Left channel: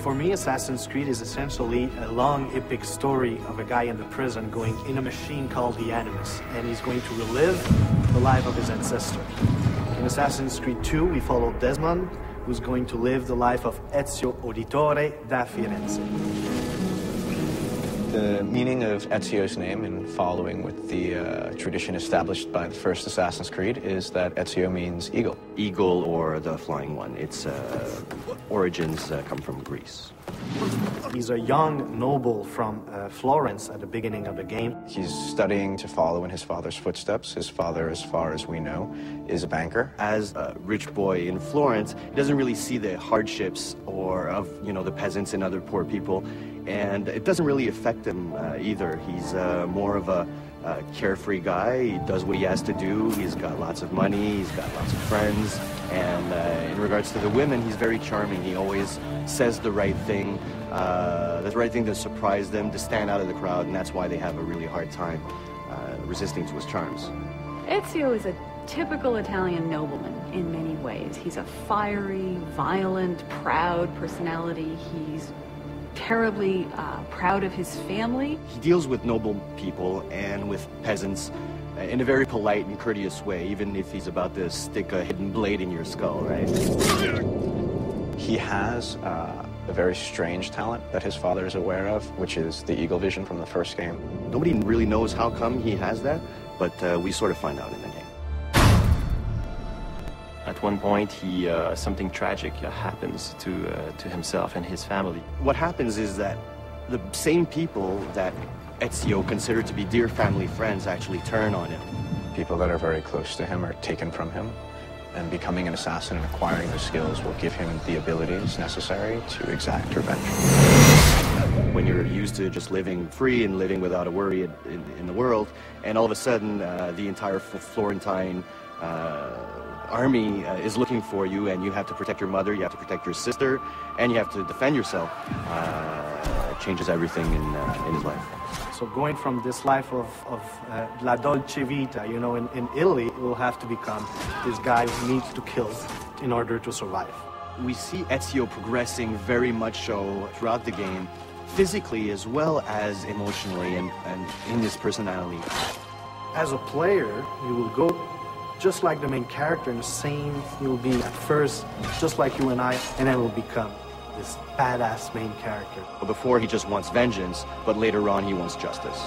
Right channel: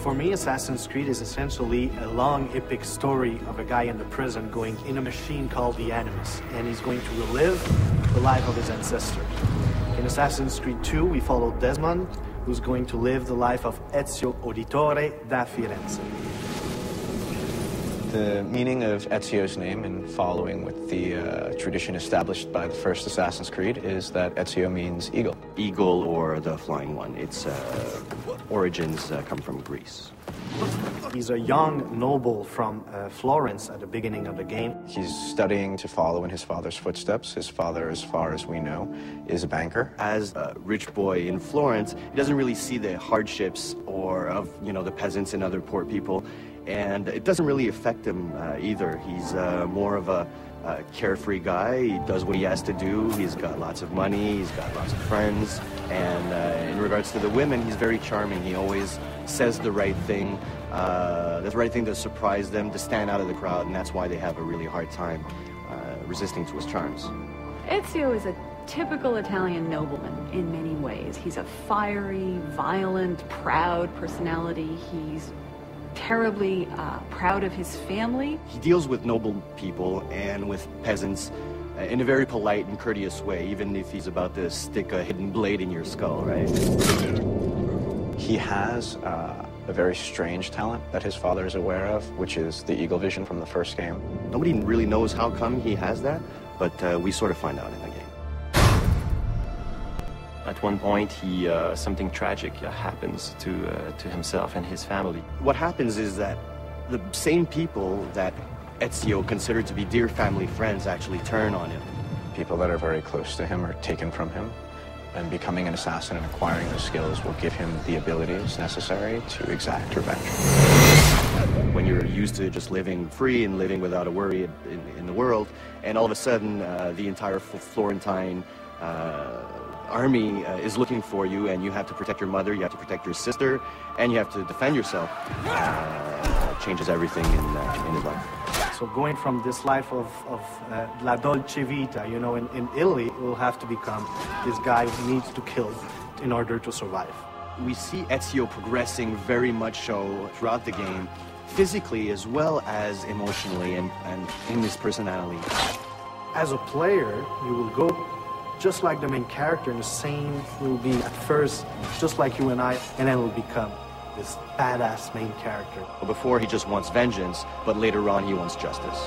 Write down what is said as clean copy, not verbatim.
For me, Assassin's Creed is essentially a long, epic story of a guy in the prison going in a machine called the Animus, and he's going to relive the life of his ancestors. In Assassin's Creed 2, we follow Desmond, who's going to live the life of Ezio Auditore da Firenze. The meaning of Ezio's name, in following with the tradition established by the first Assassin's Creed, is that Ezio means eagle. Eagle, or the flying one. Its origins come from Greece. He's a young noble from Florence at the beginning of the game. He's studying to follow in his father's footsteps. His father, as far as we know, is a banker. As a rich boy in Florence, he doesn't really see the hardships of the peasants and other poor people. And it doesn't really affect him either. He's more of a carefree guy. He does what he has to do. He's got lots of money. He's got lots of friends. And in regards to the women, he's very charming. He always says the right thing to surprise them, to stand out of the crowd, and that's why they have a really hard time resisting to his charms. Ezio is a typical Italian nobleman in many ways. He's a fiery, violent, proud personality. He's terribly proud of his family. He deals with noble people and with peasants in a very polite and courteous way, even if he's about to stick a hidden blade in your skull, right? He has a very strange talent that his father is aware of, which is the eagle vision from the first game. Nobody really knows how come he has that, but we sort of find out in the game. At one point, something tragic happens to himself and his family. What happens is that the same people that Ezio considered to be dear family friends actually turn on him. People that are very close to him are taken from him, and becoming an assassin and acquiring those skills will give him the abilities necessary to exact revenge. When you're used to just living free and living without a worry in the world, and all of a sudden the entire Florentine army is looking for you, and you have to protect your mother, you have to protect your sister, and you have to defend yourself, changes everything in his life. So going from this life of la dolce vita, in Italy, it will have to become this guy who needs to kill in order to survive. We see Ezio progressing very much so throughout the game, physically as well as emotionally and in his personality. As a player, you will go just like the main character, and the same you'll be at first, just like you and I, and then will become this badass main character. Before, he just wants vengeance, but later on, he wants justice.